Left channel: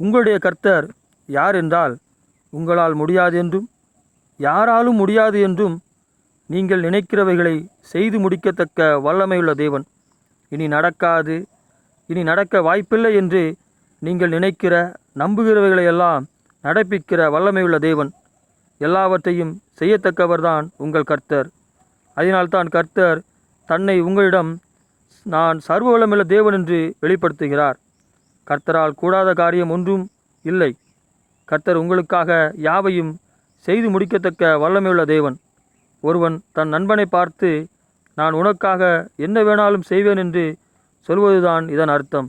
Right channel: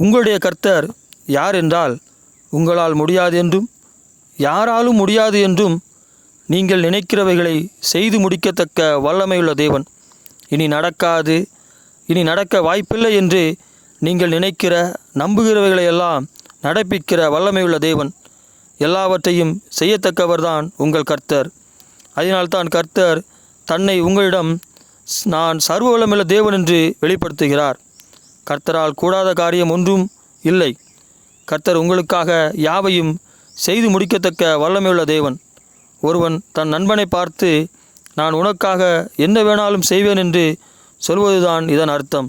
உங்களுடைய கர்த்தர் யார் என்றால் உங்களால் முடியாது என்றும் யாராலும் முடியாது என்றும் நீங்கள் நினைக்கிறவைகளை செய்து முடிக்கத்தக்க வல்லமையுள்ள தேவன். இனி நடக்காது இனி நடக்க வாய்ப்பில்லை என்று நீங்கள் நினைக்கிற நம்புகிறவைகளையெல்லாம் நடப்பிக்கிற வல்லமையுள்ள தேவன். எல்லாவற்றையும் செய்யத்தக்கவர்தான் உங்கள் கர்த்தர். அதனால்தான் கர்த்தர் தன்னை உங்களிடம் ஸ்- நான் சர்வ வல்லமையுள்ள தேவன் என்று வெளிப்படுத்துகிறார். கர்த்தரால் கூடாத காரியம் ஒன்றும் இல்லை. கர்த்தர் உங்களுக்காக யாவையும் செய்து முடிக்கத்தக்க வல்லமையுள்ள தேவன். ஒருவன் தன் நண்பனை பார்த்து நான் உனக்காக என்ன வேணாலும் செய்வேன் என்று சொல்வதுதான் இதன் அர்த்தம்.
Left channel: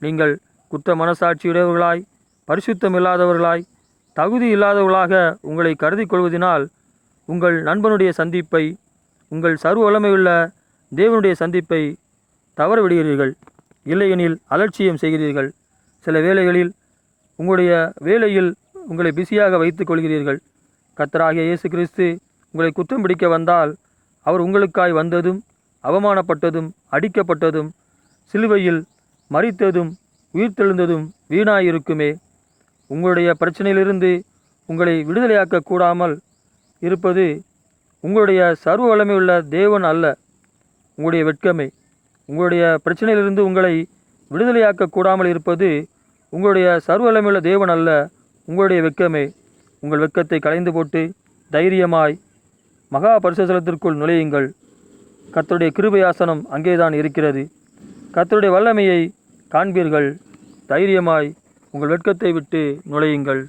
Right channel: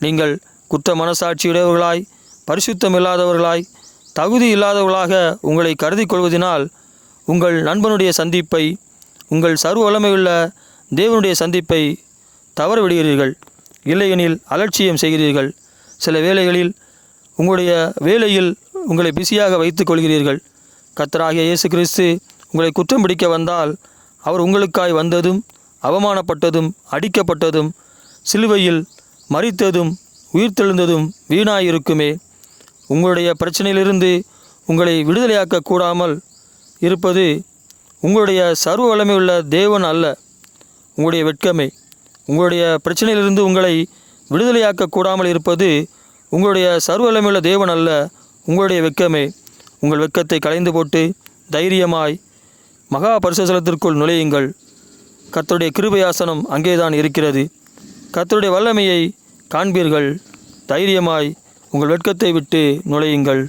நீங்கள் குற்ற மனசாட்சியுடையவர்களாய் பரிசுத்தம் இல்லாதவர்களாய் தகுதி இல்லாதவர்களாக உங்களை கருதி கொள்வதனால் உங்கள் நண்பனுடைய சந்திப்பை உங்கள் சர்வ வல்லமையுள்ள தேவனுடைய சந்திப்பை தவற விடுகிறீர்கள் இல்லையெனில் அலட்சியம் செய்கிறீர்கள். சில வேளைகளில் உங்களுடைய வேலையில் உங்களை பிஸியாக வைத்துக் கொள்கிறீர்கள். கத்தராகிய இயேசு கிறிஸ்து உங்களை குற்றம் பிடிக்க வந்தால் அவர் உங்களுக்காய் வந்ததும் அவமானப்பட்டதும் அடிக்கப்பட்டதும் சிலுவையில் மறித்ததும் உயிர்த்தெழுந்ததும் வீணாயிருக்குமே. உங்களுடைய பிரச்சனையிலிருந்து உங்களை விடுதலையாக்க கூடாமல் இருப்பது உங்களுடைய சர்வ வளமையுள்ள தேவன் அல்ல. உங்களுடைய வெட்கமே. உங்களுடைய பிரச்சனையிலிருந்து உங்களை விடுதலையாக்க கூடாமல் இருப்பது உங்களுடைய சர்வ வல்லமையுள்ள தேவன் அல்ல உங்களுடைய வெட்கமே உங்கள் வெட்கத்தை களைந்து போட்டு தைரியமாய் மகா பரிசுத்தலத்திற்குள் நுழையுங்கள். கத்தருடைய கிருபையாசனம் அங்கேதான் இருக்கிறது. கத்தருடைய வல்லமையை காண்பீர்கள். தைரியமாய் உங்கள் வெட்கத்தை விட்டு நுழையுங்கள்.